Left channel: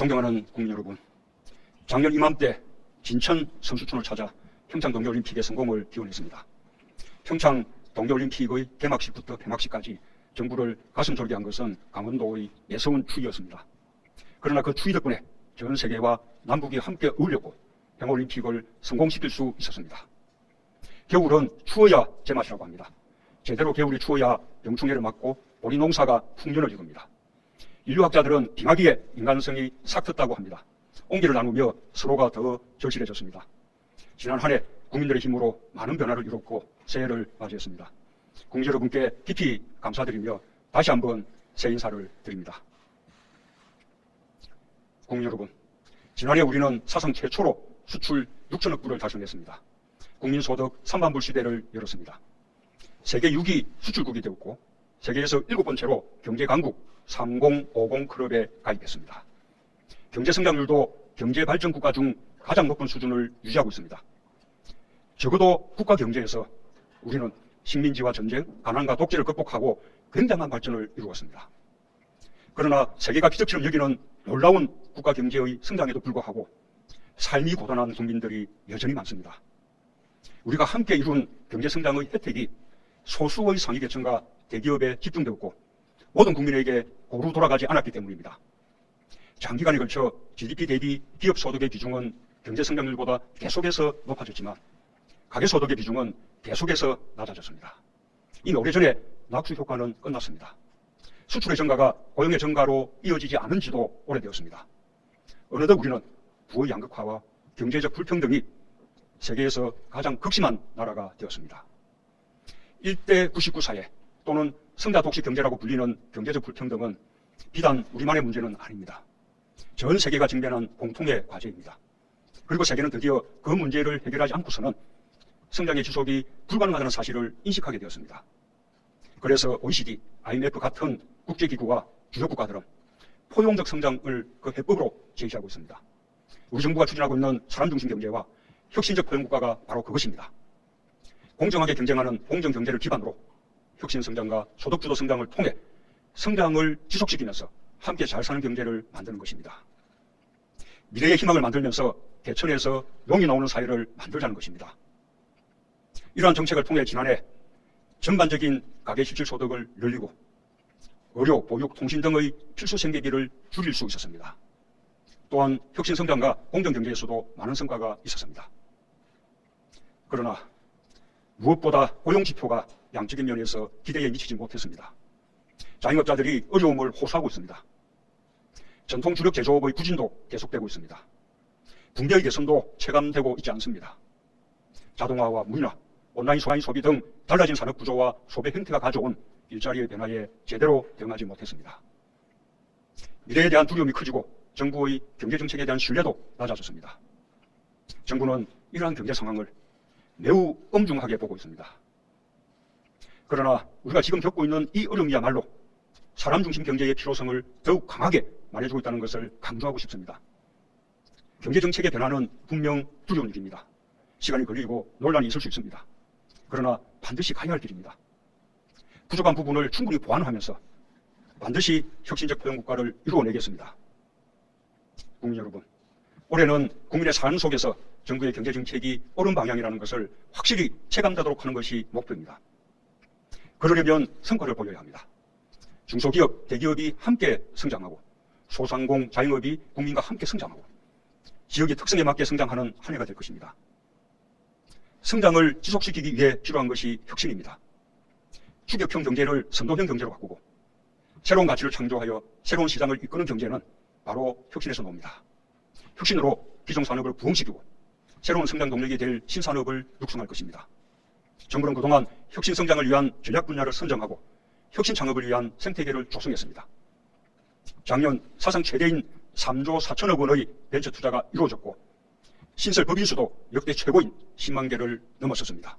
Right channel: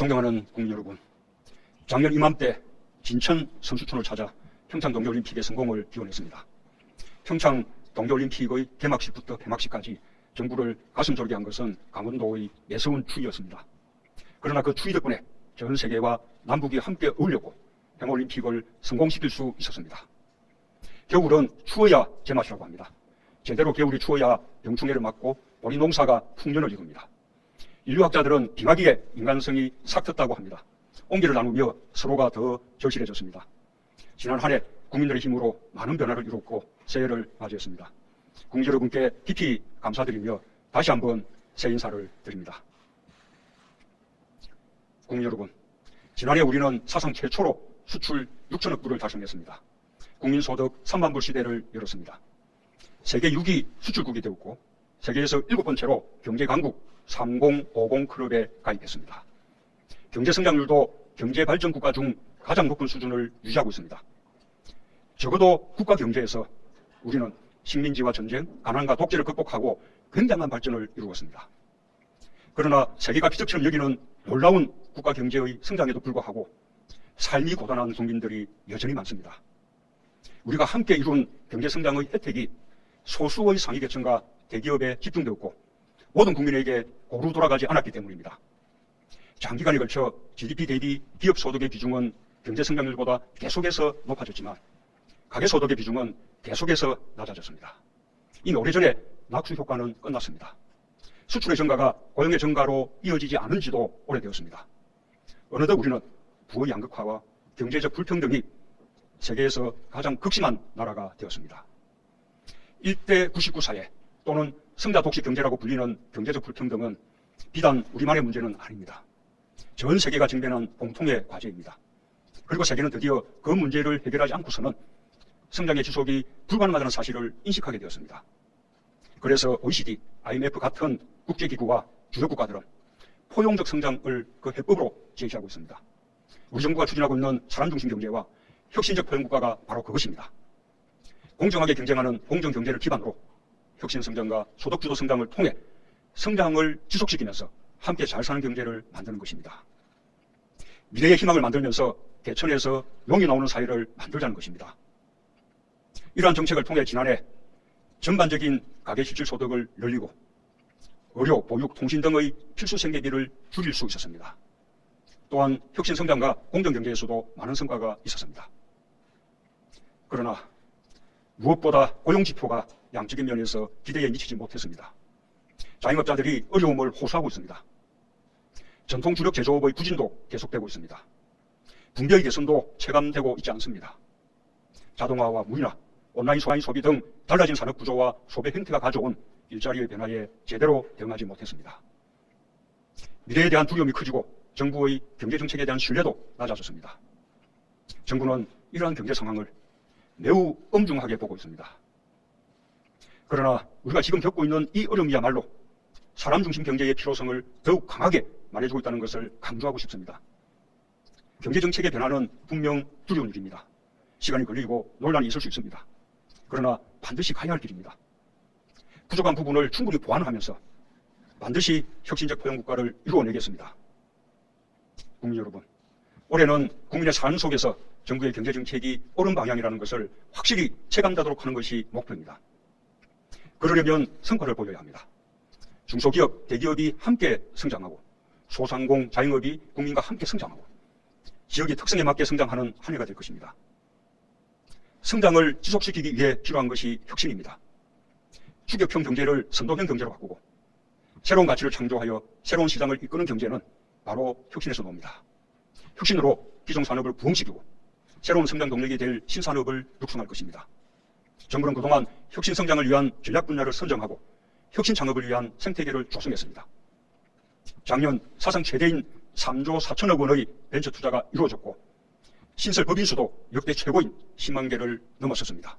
존경하는 국민 여러분, 작년 이맘때 진천 선수촌을 찾아 평창 동계올림픽의 성공을 기원했습니다. 평창 동계올림픽의 개막식부터 폐막식까지 정부를 가슴 졸게 한 것은 강원도의 매서운 추위였습니다. 그러나 그 추위 덕분에 전 세계와 남북이 함께 어울렸고 평올림픽을 성공시킬 수 있었습니다. 겨울은 추워야 제맛이라고 합니다. 제대로 겨울이 추워야 병충해를 막고 우리 농사가 풍년을 이룹니다. 인류학자들은 빙하기에 인간성이 삭혔다고 합니다. 온기를 나누며 서로가 더 절실해졌습니다. 지난 한 해 국민들의 힘으로 많은 변화를 이뤘고 새해를 맞이했습니다. 국민 여러분께 깊이 감사드리며 다시 한번 새해 인사를 드립니다. 국민 여러분, 지난해 우리는 사상 최초로 수출 6천억 불을 달성했습니다. 국민소득 3만 불 시대를 열었습니다. 세계 6위 수출국이 되었고 세계에서 7번째로 경제강국 3050 클럽에 가입했습니다. 경제성장률도 경제발전국가 중 가장 높은 수준을 유지하고 있습니다. 적어도 국가 경제에서 우리는 식민지와 전쟁, 가난과 독재를 극복하고 굉장한 발전을 이루었습니다. 그러나 세계가 기적처럼 여기는 놀라운 국가 경제의 성장에도 불구하고 삶이 고단한 국민들이 여전히 많습니다. 우리가 함께 이룬 경제성장의 혜택이 소수의 상위계층과 대기업에 집중되었고 모든 국민에게 고루 돌아가지 않았기 때문입니다. 장기간에 걸쳐 GDP 대비 기업 소득의 비중은 경제성장률보다 계속해서 높아졌지만 가계소득의 비중은 계속해서 낮아졌습니다. 이미 오래전에 낙수 효과는 끝났습니다. 수출의 증가가 고용의 증가로 이어지지 않은 지도 오래되었습니다. 어느덧 우리는 부의 양극화와 경제적 불평등이 세계에서 가장 극심한 나라가 되었습니다. 1대 99 사회 또는 성자독식 경제라고 불리는 경제적 불평등은 비단 우리만의 문제는 아닙니다. 전 세계가 직면하는 공통의 과제입니다. 그리고 세계는 드디어 그 문제를 해결하지 않고서는 성장의 지속이 불가능하다는 사실을 인식하게 되었습니다. 그래서 OECD, IMF 같은 국제기구와 주요 국가들은 포용적 성장을 그 해법으로 제시하고 있습니다. 우리 정부가 추진하고 있는 사람중심 경제와 혁신적 포용국가가 바로 그것입니다. 공정하게 경쟁하는 공정경제를 기반으로 혁신성장과 소득주도 성장을 통해 성장을 지속시키면서 함께 잘 사는 경제를 만드는 것입니다. 미래의 희망을 만들면서 개천에서 용이 나오는 사회를 만들자는 것입니다. 이러한 정책을 통해 지난해 전반적인 가계실질소득을 늘리고 의료, 보육, 통신 등의 필수 생계비를 줄일 수 있었습니다. 또한 혁신성장과 공정경제에서도 많은 성과가 있었습니다. 그러나 무엇보다 고용지표가 양적인 면에서 기대에 미치지 못했습니다. 자영업자들이 어려움을 호소하고 있습니다. 전통 주력 제조업의 부진도 계속되고 있습니다. 군대의 개선도 체감되고 있지 않습니다. 자동화와 무인화, 온라인 소비 등 달라진 산업 구조와 소비 형태가 가져온 일자리의 변화에 제대로 대응하지 못했습니다. 미래에 대한 두려움이 커지고 정부의 경제정책에 대한 신뢰도 낮아졌습니다. 정부는 이러한 경제 상황을 매우 엄중하게 보고 있습니다. 그러나 우리가 지금 겪고 있는 이 어려움이야말로 사람 중심 경제의 필요성을 더욱 강하게 말해주고 있다는 것을 강조하고 싶습니다. 경제정책의 변화는 분명 두려운 일입니다. 시간이 걸리고 논란이 있을 수 있습니다. 그러나 반드시 가야 할 길입니다. 부족한 부분을 충분히 보완하면서 반드시 혁신적 포용국가를 이루어내겠습니다. 국민 여러분, 올해는 국민의 삶 속에서 정부의 경제정책이 옳은 방향이라는 것을 확실히 체감하도록 하는 것이 목표입니다. 그러려면 성과를 보여야 합니다. 중소기업, 대기업이 함께 성장하고 소상공, 자영업이 국민과 함께 성장하고 지역의 특성에 맞게 성장하는 한 해가 될 것입니다. 성장을 지속시키기 위해 필요한 것이 혁신입니다. 추격형 경제를 선도형 경제로 바꾸고 새로운 가치를 창조하여 새로운 시장을 이끄는 경제는 바로 혁신에서 나옵니다. 혁신으로 기존 산업을 부흥시키고 새로운 성장 동력이 될 신산업을 육성할 것입니다. 정부는 그동안 혁신 성장을 위한 전략 분야를 선정하고 혁신 창업을 위한 생태계를 조성했습니다. 작년 사상 최대인 3조 4천억 원의 벤처 투자가 이루어졌고 신설 법인 수도 역대 최고인 10만 개를 넘어섰습니다.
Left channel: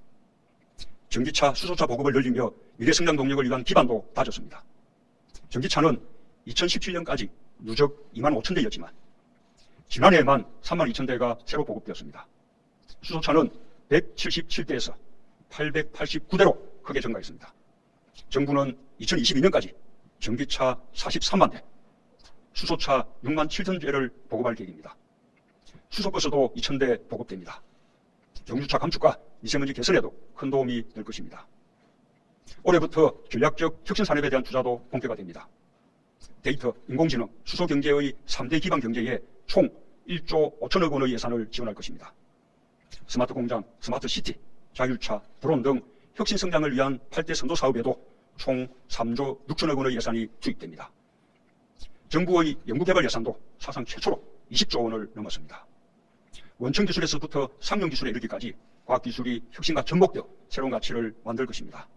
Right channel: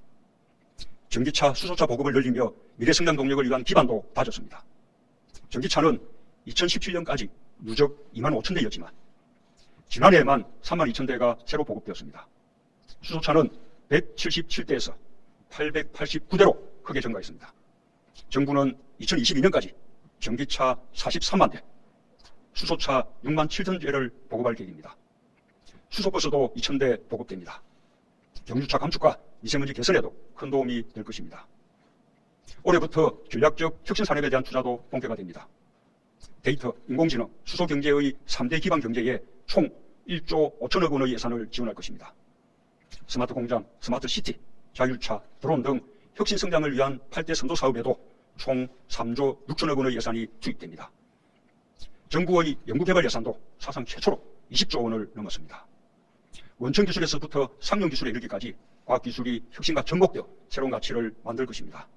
전기차, 수소차 보급을 늘리며 미래 성장 동력을 위한 기반도 다졌습니다. 전기차는 2017년까지 누적 2만 5천 대였지만 지난해에만 3만 2천 대가 새로 보급되었습니다. 수소차는 177대에서 889대로 크게 증가했습니다. 정부는 2022년까지 전기차 43만 대, 수소차 6만 7천 대를 보급할 계획입니다. 수소버스도 2,000대 보급됩니다. 경주차 감축과 미세먼지 개선에도 큰 도움이 될 것입니다. 올해부터 전략적 혁신산업에 대한 투자도 본격화 됩니다. 데이터, 인공지능, 수소경제의 3대 기반 경제에 총 1조 5천억 원의 예산을 지원할 것입니다. 스마트 공장, 스마트 시티, 자율차, 드론 등 혁신 성장을 위한 8대 선도 사업에도 총 3조 6천억 원의 예산이 투입됩니다. 정부의 연구개발 예산도 사상 최초로 20조 원을 넘었습니다. 원천기술에서부터 상용기술에 이르기까지 과학기술이 혁신과 접목되어 새로운 가치를 만들 것입니다.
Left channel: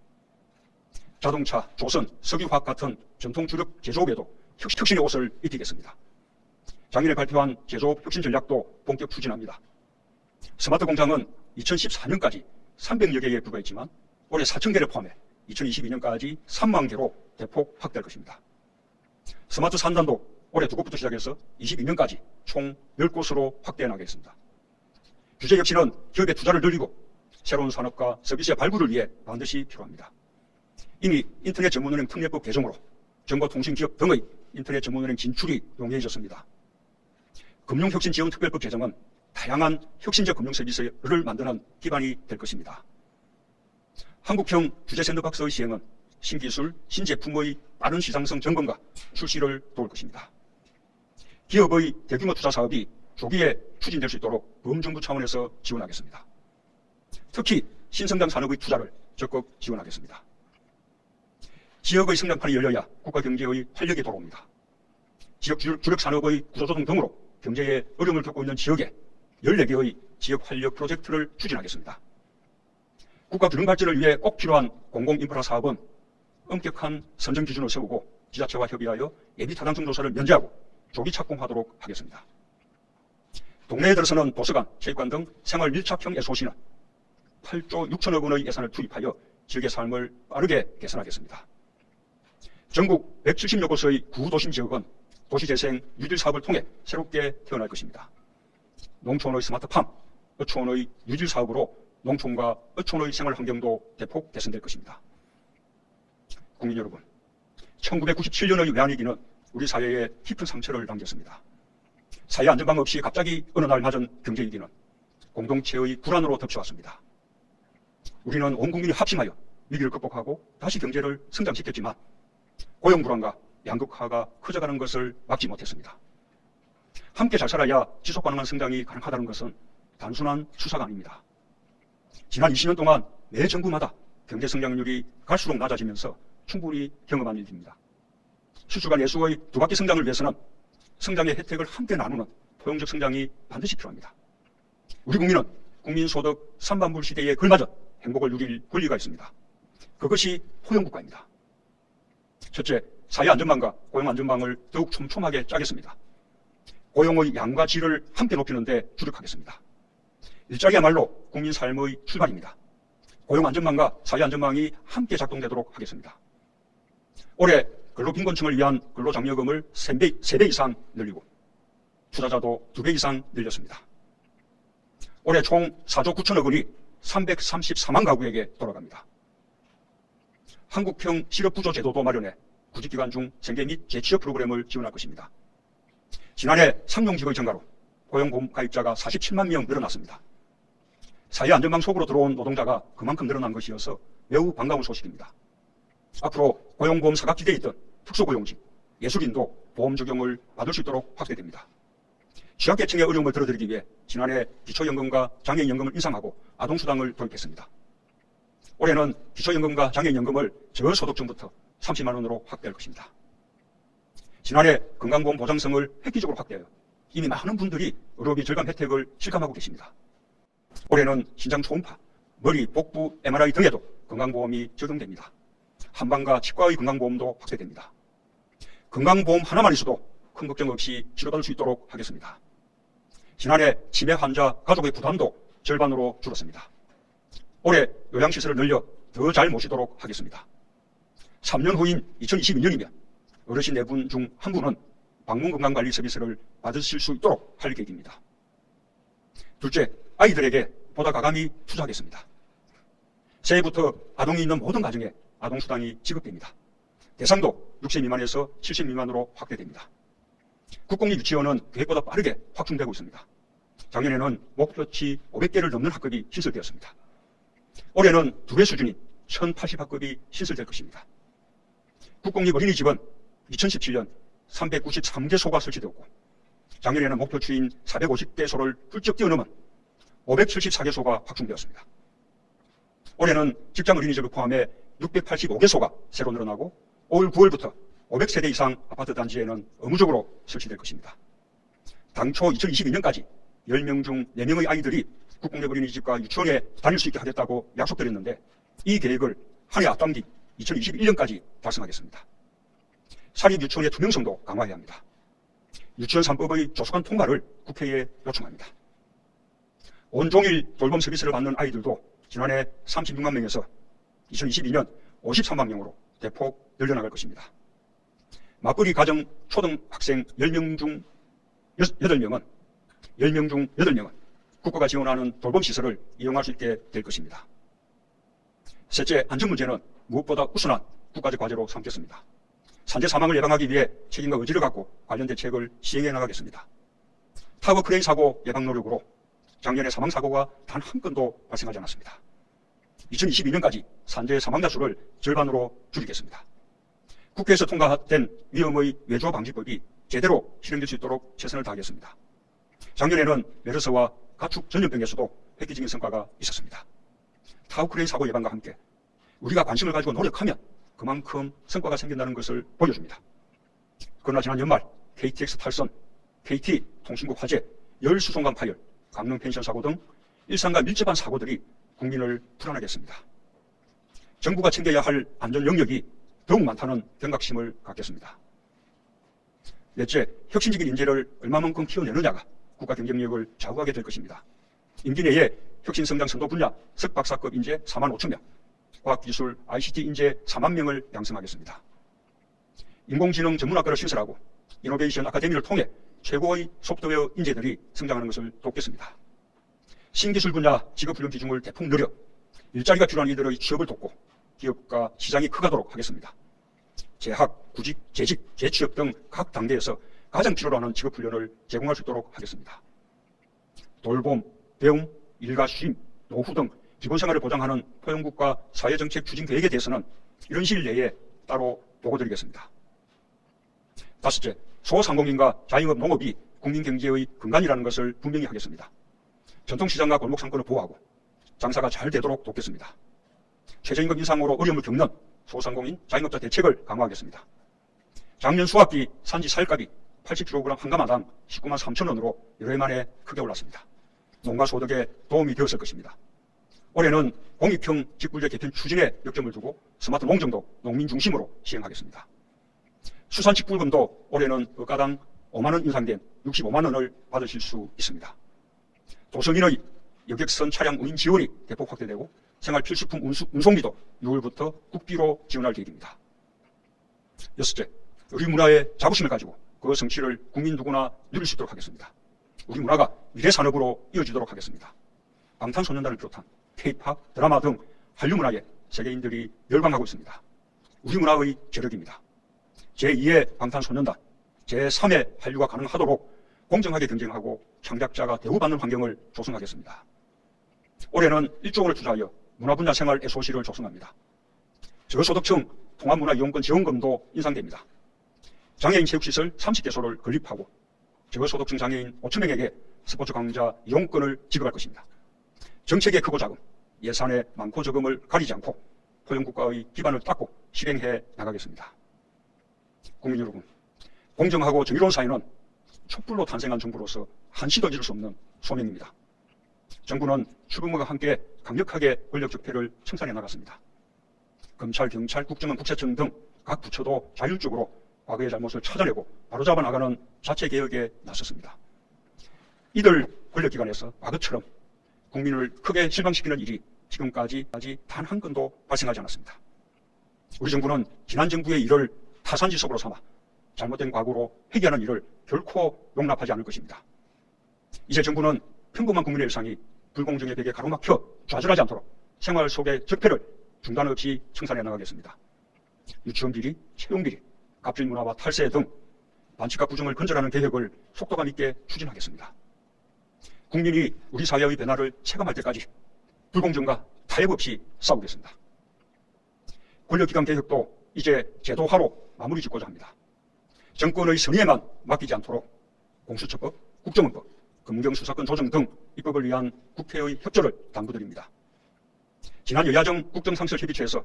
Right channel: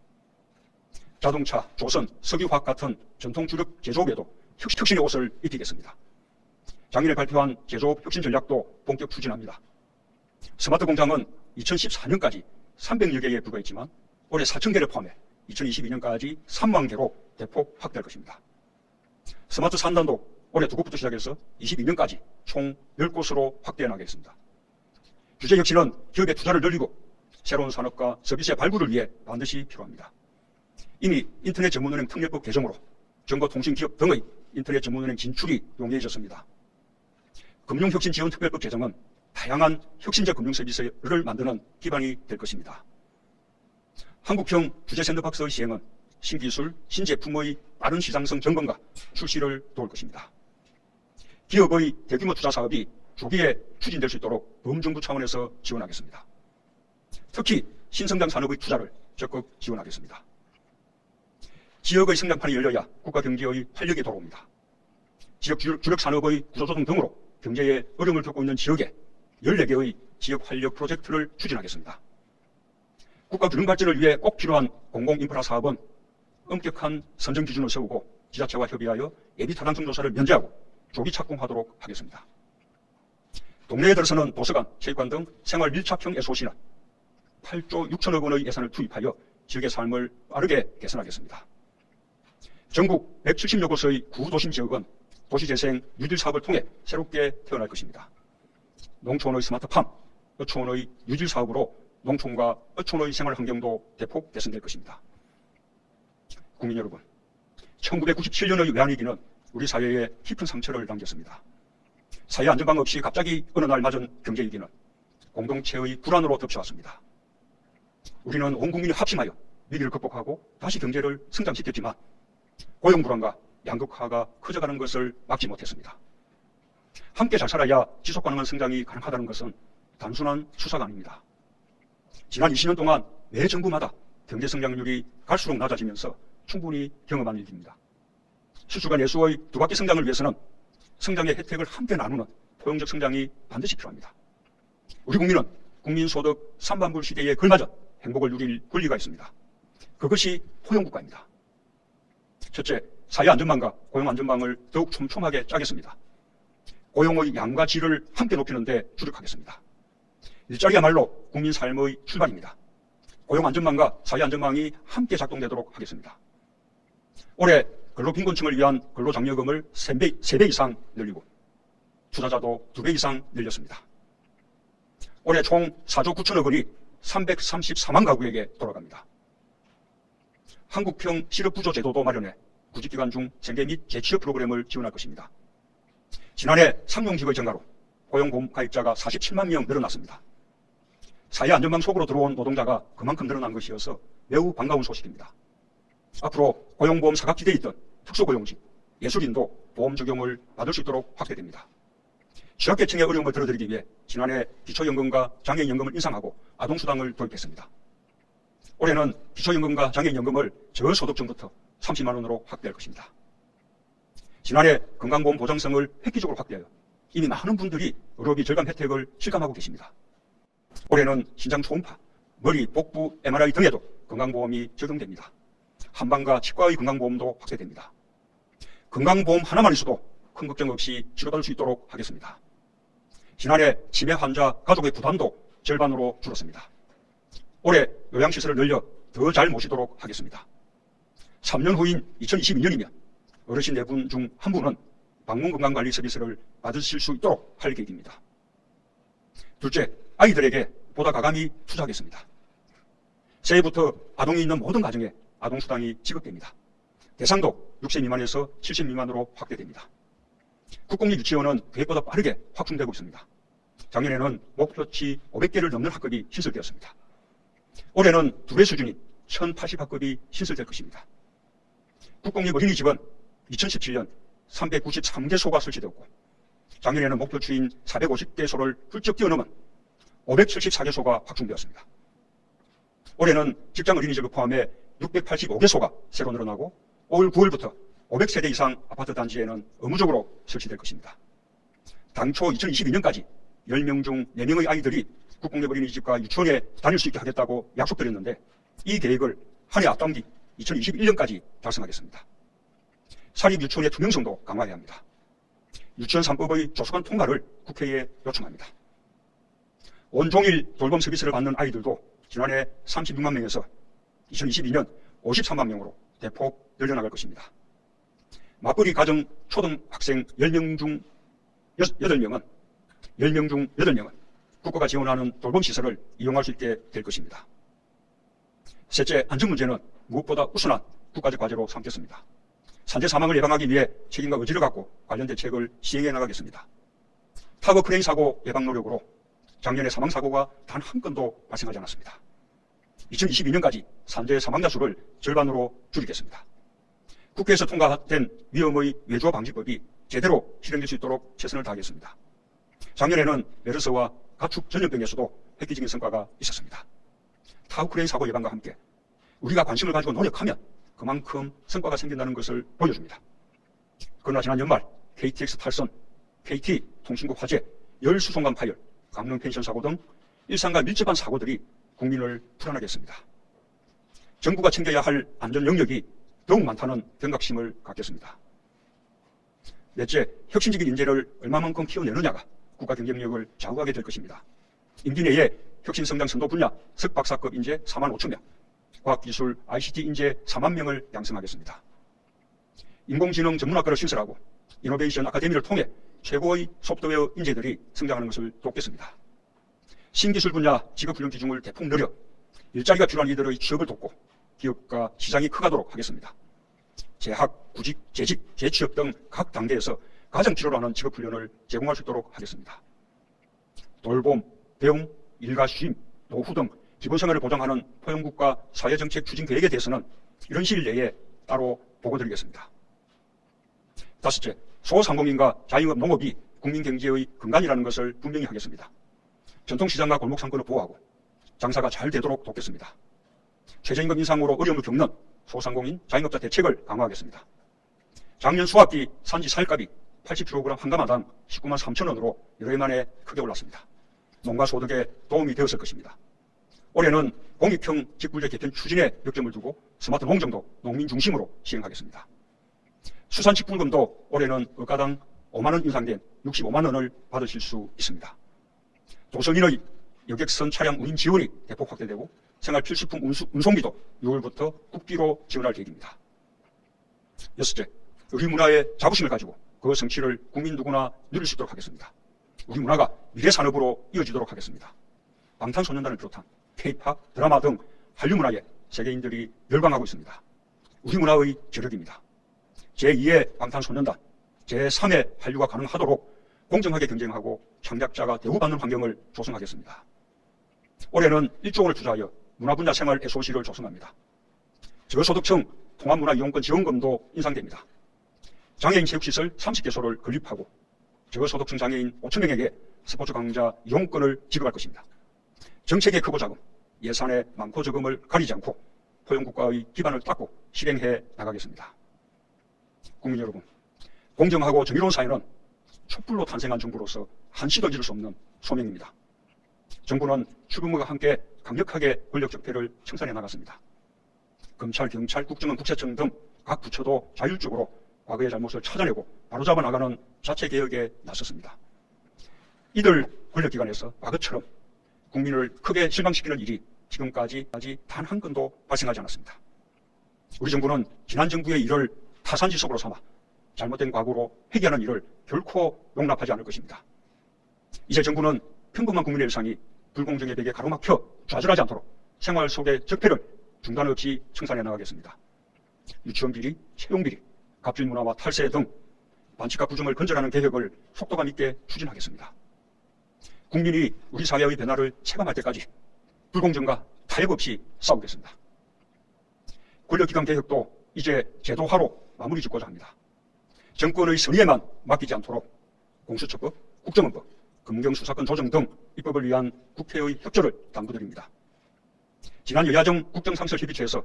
자동차, 조선, 석유화학 같은 전통 주력 제조업에도 혁신의 옷을 입히겠습니다. 작년에 발표한 제조업 혁신 전략도 본격 추진합니다. 스마트 공장은 2014년까지 300여 개에 불과했지만 올해 4,000개를 포함해 2022년까지 3만 개로 대폭 확대할 것입니다. 스마트 산단도 올해 2곳부터 시작해서 22년까지 총 10곳으로 확대해 나가겠습니다. 규제 혁신은 기업의 투자를 늘리고 새로운 산업과 서비스의 발굴을 위해 반드시 필요합니다. 이미 인터넷 전문은행 특례법 개정으로 정보통신기업 등의 인터넷 전문은행 진출이 용이해졌습니다. 금융혁신지원특별법 개정은 다양한 혁신적 금융서비스를 만드는 기반이 될 것입니다. 한국형 규제샌드박스의 시행은 신기술, 신제품의 빠른 시장성 점검과 출시를 도울 것입니다. 기업의 대규모 투자 사업이 조기에 추진될 수 있도록 범정부 차원에서 지원하겠습니다. 특히 신성장 산업의 투자를 적극 지원하겠습니다. 지역의 성장판이 열려야 국가 경제의 활력이 돌아옵니다. 지역 주력 산업의 구조조정 등으로 경제에 어려움을 겪고 있는 지역에 14개의 지역 활력 프로젝트를 추진하겠습니다. 국가 균형 발전을 위해 꼭 필요한 공공인프라 사업은 엄격한 선정 기준을 세우고 지자체와 협의하여 예비 타당성 조사를 면제하고 조기 착공하도록 하겠습니다. 동네에 들어서는 도서관, 체육관 등 생활 밀착형 SOC는 8조 6천억 원의 예산을 투입하여 지역의 삶을 빠르게 개선하겠습니다. 전국 170여 곳의 구도심 지역은 도시재생 뉴딜 사업을 통해 새롭게 태어날 것입니다. 농촌의 스마트팜, 어촌의 뉴딜 사업으로 농촌과 어촌의 생활 환경도 대폭 개선될 것입니다. 국민 여러분, 1997년의 외환위기는 우리 사회에 깊은 상처를 남겼습니다. 사회 안전망 없이 갑자기 어느 날 맞은 경제위기는 공동체의 불안으로 덮쳐왔습니다. 우리는 온 국민이 합심하여 위기를 극복하고 다시 경제를 성장시켰지만 고용 불안과 양극화가 커져가는 것을 막지 못했습니다. 함께 잘 살아야 지속 가능한 성장이 가능하다는 것은 단순한 수사가 아닙니다. 지난 20년 동안 매 정부마다 경제 성장률이 갈수록 낮아지면서 충분히 경험한 일입니다. 수출과 내수의 두 바퀴 성장을 위해서는 성장의 혜택을 함께 나누는 포용적 성장이 반드시 필요합니다. 우리 국민은 국민소득 3만불 시대에 걸맞은 행복을 누릴 권리가 있습니다. 그것이 포용국가입니다. 첫째, 사회 안전망과 고용 안전망을 더욱 촘촘하게 짜겠습니다. 고용의 양과 질을 함께 높이는 데 주력하겠습니다. 일자리야말로 국민 삶의 출발입니다. 고용 안전망과 사회 안전망이 함께 작동되도록 하겠습니다. 올해 근로빈곤층을 위한 근로장려금을 3배 이상 늘리고 투자자도 2배 이상 늘렸습니다. 올해 총 4조 9천억 원이 334만 가구에게 돌아갑니다. 한국형 실업부조 제도도 마련해 구직기간 중 생계 및 재취업 프로그램을 지원할 것입니다. 지난해 상용직의 증가로 고용보험 가입자가 47만 명 늘어났습니다. 사회 안전망 속으로 들어온 노동자가 그만큼 늘어난 것이어서 매우 반가운 소식입니다. 앞으로 고용보험 사각지대에 있던 특수고용직, 예술인도 보험 적용을 받을 수 있도록 확대됩니다. 취약계층의 어려움을 덜어드리기 위해 지난해 기초연금과 장애인연금을 인상하고 아동수당을 도입했습니다. 올해는 기초연금과 장애인연금을 저소득층부터 30만 원으로 확대할 것입니다. 지난해 건강보험 보장성을 획기적으로 확대하여 이미 많은 분들이 의료비 절감 혜택을 실감하고 계십니다. 올해는 신장 초음파, 머리, 복부, MRI 등에도 건강보험이 적용됩니다. 한방과 치과의 건강보험도 확대됩니다. 건강보험 하나만 있어도 큰 걱정 없이 치료받을 수 있도록 하겠습니다. 지난해 치매 환자 가족의 부담도 절반으로 줄었습니다. 올해 요양시설을 늘려 더 잘 모시도록 하겠습니다. 3년 후인 2022년이면 어르신 4분 중 1분은 방문건강관리 서비스를 받으실 수 있도록 할 계획입니다. 둘째, 아이들에게 보다 과감히 투자하겠습니다. 새해부터 아동이 있는 모든 가정에 아동수당이 지급됩니다. 대상도 6세 미만에서 7세 미만으로 확대됩니다. 국공립 유치원은 계획보다 빠르게 확충되고 있습니다. 작년에는 목표치 500개를 넘는 학급이 신설되었습니다. 올해는 2배 수준인 1080학급이 신설될 것입니다. 국공립 어린이집은 2017년 393개소가 설치되었고 작년에는 목표치인 450개소를 훌쩍 뛰어넘은 574개소가 확충되었습니다. 올해는 직장 어린이집을 포함해 685개소가 새로 늘어나고 올 9월부터 500세대 이상 아파트 단지에는 의무적으로 설치될 것입니다. 당초 2022년까지 10명 중 4명의 아이들이 국공립 어린이집과 유치원에 다닐 수 있게 하겠다고 약속드렸는데 이 계획을 한 해 앞당긴 2021년까지 달성하겠습니다. 사립 유치원의 투명성도 강화해야 합니다. 유치원 3법의 조속한 통과를 국회에 요청합니다. 온종일 돌봄 서비스를 받는 아이들도 지난해 36만 명에서 2022년 53만 명으로 대폭 늘려나갈 것입니다. 맞벌이 가정 초등학생 10명 중 8명은 국가가 지원하는 돌봄시설을 이용할 수 있게 될 것입니다. 셋째, 안전 문제는 무엇보다 우선한 국가적 과제로 삼겠습니다. 산재 사망을 예방하기 위해 책임과 의지를 갖고 관련 대책을 시행해 나가겠습니다. 타워 크레인 사고 예방 노력으로 작년에 사망사고가 단 한 건도 발생하지 않았습니다. 2022년까지 산재 사망자 수를 절반으로 줄이겠습니다. 국회에서 통과된 위험의 외주화 방지법이 제대로 실행될 수 있도록 최선을 다하겠습니다. 작년에는 메르스와 가축 전염병에서도 획기적인 성과가 있었습니다. 타워 크레인 사고 예방과 함께 우리가 관심을 가지고 노력하면 그만큼 성과가 생긴다는 것을 보여줍니다. 그러나 지난 연말 KTX 탈선, KT 통신국 화재, 열수송강 파열, 강릉 펜션 사고 등 일상과 밀접한 사고들이 국민을 불안하게 했습니다. 정부가 챙겨야 할 안전 영역이 더욱 많다는 경각심을 갖겠습니다. 넷째, 혁신적인 인재를 얼마만큼 키워내느냐가 국가 경쟁력을 좌우하게 될 것입니다. 임기 내에 혁신성장 선도 분야 석박사급 인재 4만 5천 명, 과학기술 ICT 인재 4만 명을 양성하겠습니다. 인공지능 전문학과를 신설하고 이노베이션 아카데미를 통해 최고의 소프트웨어 인재들이 성장하는 것을 돕겠습니다. 신기술 분야 직업훈련 비중을 대폭 늘려 일자리가 필요한 이들의 취업을 돕고 기업과 시장이 커가도록 하겠습니다. 재학, 구직, 재직, 재취업 등 각 단계에서 가장 필요로 하는 직업훈련을 제공할 수 있도록 하겠습니다. 돌봄, 배움, 일과 쉼, 노후 등 기본생활을 보장하는 포용국가 사회정책 추진 계획에 대해서는 이런 시일 내에 따로 보고드리겠습니다. 다섯째, 소상공인과 자영업 농업이 국민경제의 근간이라는 것을 분명히 하겠습니다. 전통시장과 골목상권을 보호하고 장사가 잘 되도록 돕겠습니다. 최저임금 인상으로 어려움을 겪는 소상공인, 자영업자 대책을 강화하겠습니다. 작년 수확기 산지 쌀값이 80kg 한 가마당 19만 3천 원으로 여러 해 만에 크게 올랐습니다. 농가 소득에 도움이 되었을 것입니다. 올해는 공익형 직불제 개편 추진에 역점을 두고 스마트 농정도 농민 중심으로 시행하겠습니다. 수산직불금도 올해는 억가당 5만 원 인상된 65만 원을 받으실 수 있습니다. 도서민의 여객선 차량 운임 지원이 대폭 확대되고 생활필수품 운송비도 6월부터 국비로 지원할 계획입니다. 여섯째, 우리 문화의 자부심을 가지고 그 성취를 국민 누구나 누릴 수 있도록 하겠습니다. 우리 문화가 미래 산업으로 이어지도록 하겠습니다. 방탄소년단을 비롯한 K-팝, 드라마 등 한류 문화에 세계인들이 열광하고 있습니다. 우리 문화의 저력입니다. 제2의 방탄소년단, 제3의 한류가 가능하도록 공정하게 경쟁하고 창작자가 대우받는 환경을 조성하겠습니다. 올해는 1조 원을 투자하여 문화분야 생활 SOC를 조성합니다. 저소득층 통합문화이용권 지원금도 인상됩니다. 장애인 체육시설 30개소를 건립하고 저소득층 장애인 5천 명에게 스포츠 강좌 이용권을 지급할 것입니다. 정책의 크고 작음, 예산의 많고 적음을 가리지 않고 포용국가의 기반을 닦고 실행해 나가겠습니다. 국민 여러분, 공정하고 정의로운 사회는 촛불로 탄생한 정부로서 한시도 잊을 수 없는 소명입니다. 정부는 출범과 함께 강력하게 권력 적폐를 청산해 나갔습니다. 검찰, 경찰, 국정원, 국세청 등 각 부처도 자율적으로 과거의 잘못을 찾아내고 바로잡아 나가는 자체 개혁에 나섰습니다. 이들 권력기관에서 과거처럼 국민을 크게 실망시키는 일이 지금까지 단 한 건도 발생하지 않았습니다. 우리 정부는 지난 정부의 일을 타산지석으로 삼아 잘못된 과거로 회귀하는 일을 결코 용납하지 않을 것입니다. 이제 정부는 평범한 국민의 일상이 불공정의 벽에 가로막혀 좌절하지 않도록 생활 속의 적폐를 중단 없이 청산해 나가겠습니다. 유치원 비리, 채용 비리, 갑질 문화와 탈세 등 반칙과 부정을 건절하는 개혁을 속도감 있게 추진하겠습니다. 국민이 우리 사회의 변화를 체감할 때까지 불공정과 타협 없이 싸우겠습니다. 권력기관 개혁도 이제 제도화로 마무리 짓고자 합니다. 정권의 선의에만 맡기지 않도록 공수처법, 국정원법, 검경수사권 조정 등 입법을 위한 국회의 협조를 당부드립니다. 지난 여야정 국정상설협의체에서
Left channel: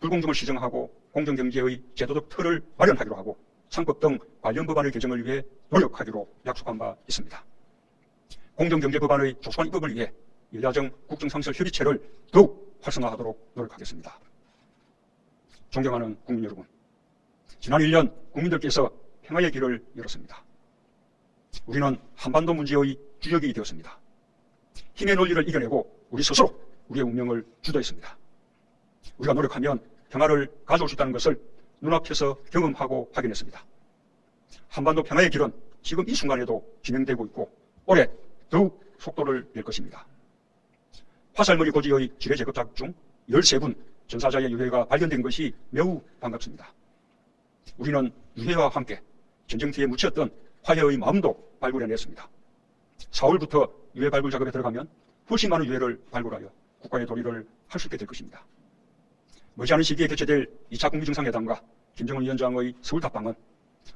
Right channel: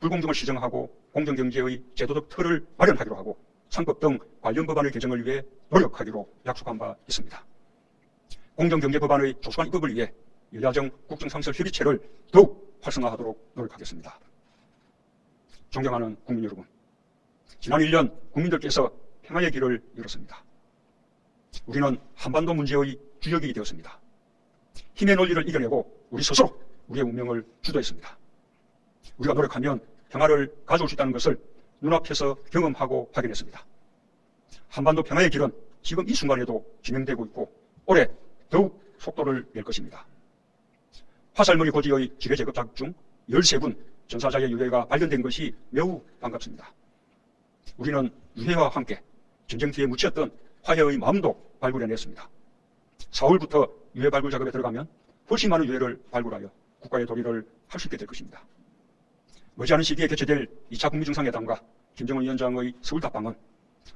불공정을 시정하고 공정경제의 제도적 틀을 마련하기로 하고 상법 등 관련 법안의 개정을 위해 노력하기로 약속한 바 있습니다. 공정경제법안의 조속한 입법을 위해 여야정 국정상설협의체를 더욱 활성화하도록 노력하겠습니다. 존경하는 국민 여러분, 지난 1년 국민들께서 평화의 길을 열었습니다. 우리는 한반도 문제의 주역이 되었습니다. 힘의 논리를 이겨내고 우리 스스로 우리의 운명을 주도했습니다. 우리가 노력하면 평화를 가져올 수 있다는 것을 눈앞에서 경험하고 확인했습니다. 한반도 평화의 길은 지금 이 순간에도 진행되고 있고 올해 더욱 속도를 낼 것입니다. 화살무늬 고지의 지뢰 제거작 중 13분 전사자의 유해가 발견된 것이 매우 반갑습니다. 우리는 유해와 함께 전쟁터에 묻혔던 화해의 마음도 발굴해냈습니다. 4월부터 유해 발굴 작업에 들어가면 훨씬 많은 유해를 발굴하여 국가의 도리를 할 수 있게 될 것입니다. 머지않은 시기에 개최될 2차 국무정상회담과 김정은 위원장의 서울 답방은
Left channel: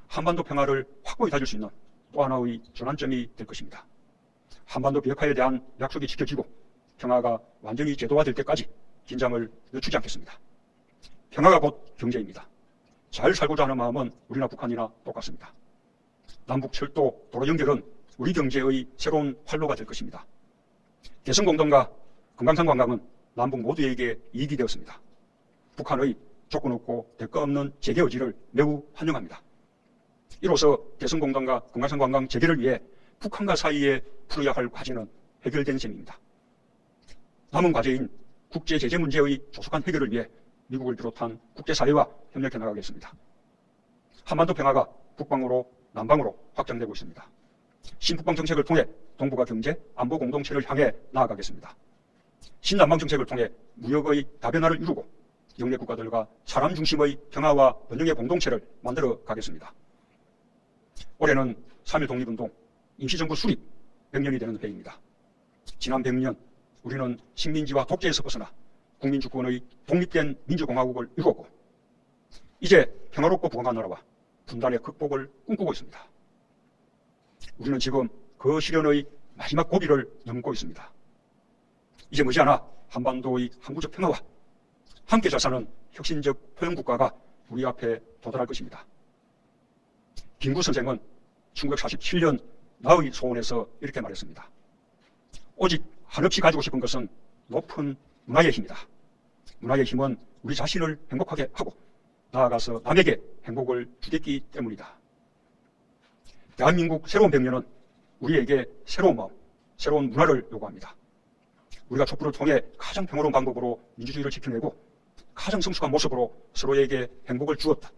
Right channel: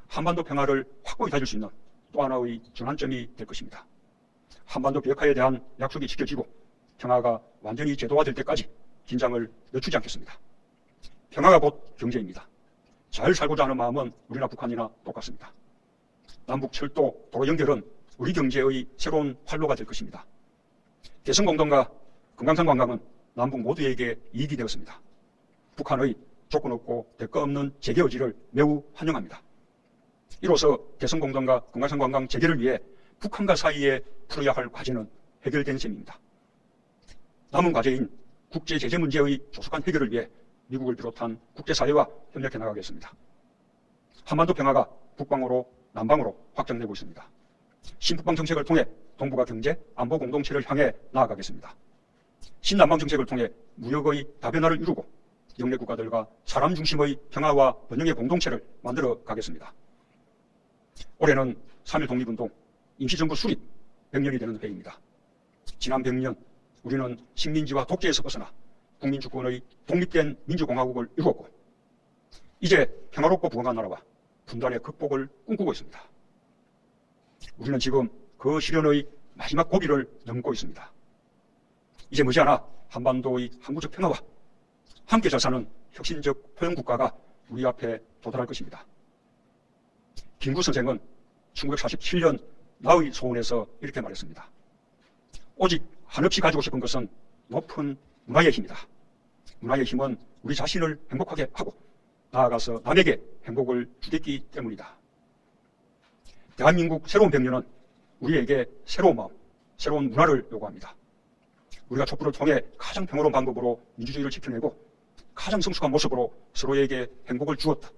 한반도 평화를 확고히 다질 수 있는 또 하나의 전환점이 될 것입니다. 한반도 비핵화에 대한 약속이 지켜지고 평화가 완전히 제도화될 때까지 긴장을 늦추지 않겠습니다. 평화가 곧 경제입니다. 잘 살고자 하는 마음은 우리나 북한이나 똑같습니다. 남북 철도, 도로 연결은 우리 경제의 새로운 활로가 될 것입니다. 개성공단과 금강산 관광은 남북 모두에게 이익이 되었습니다. 북한의 조건 없고 대가 없는 재개 의지를 매우 환영합니다. 이로써 개성공단과 금강산 관광 재개를 위해 북한과 사이에 풀어야 할 과제는 해결된 셈입니다. 남은 과제인 국제 제재 문제의 조속한 해결을 위해 미국을 비롯한 국제사회와 협력해 나가겠습니다. 한반도 평화가 북방으로 남방으로 확장되고 있습니다. 신북방 정책을 통해 동북아 경제, 안보 공동체를 향해 나아가겠습니다. 신남방 정책을 통해 무역의 다변화를 이루고 영내 국가들과 사람 중심의 평화와 번영의 공동체를 만들어 가겠습니다. 올해는 3.1 독립운동, 임시정부 수립 100년이 되는 해입니다. 지난 100년 우리는 식민지와 독재에서 벗어나 국민주권의 독립된 민주공화국을 이루었고 이제 평화롭고 부강한 나라와 분단의 극복을 꿈꾸고 있습니다. 우리는 지금 그 실현의 마지막 고비를 넘고 있습니다. 이제 머지않아 한반도의 항구적 평화와 함께 잘 사는 혁신적 포용국가가 우리 앞에 도달할 것입니다. 김구 선생은 1947년 나의 소원에서 이렇게 말했습니다. 오직 한없이 가지고 싶은 것은 높은 문화의 힘이다. 문화의 힘은 우리 자신을 행복하게 하고 나아가서 남에게 행복을 주겠기 때문이다. 대한민국 새로운 100년은 우리에게 새로운 마음, 새로운 문화를 요구합니다. 우리가 촛불을 통해 가장 평화로운 방법으로 민주주의를 지켜내고 가장 성숙한 모습으로 서로에게 행복을 주었다.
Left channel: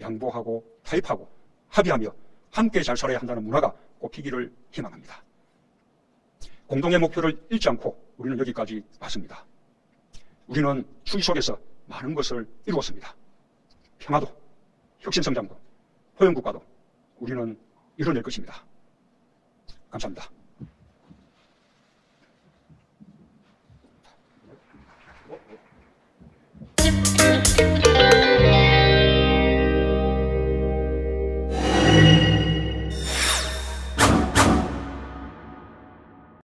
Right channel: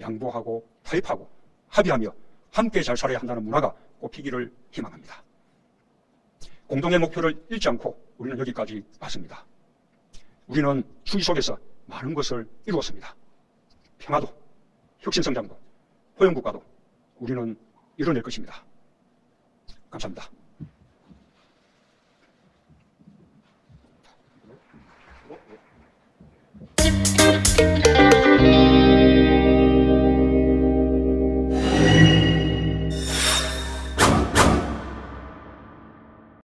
양보하고 타협하고 합의하며 함께 잘 살아야 한다는 문화가 꼽히기를 희망합니다. 공동의 목표를 잃지 않고 우리는 여기까지 왔습니다. 우리는 추기 속에서 많은 것을 이루었습니다. 평화도, 혁신성장도, 포용국가도 우리는 이뤄낼 것입니다. 감사합니다.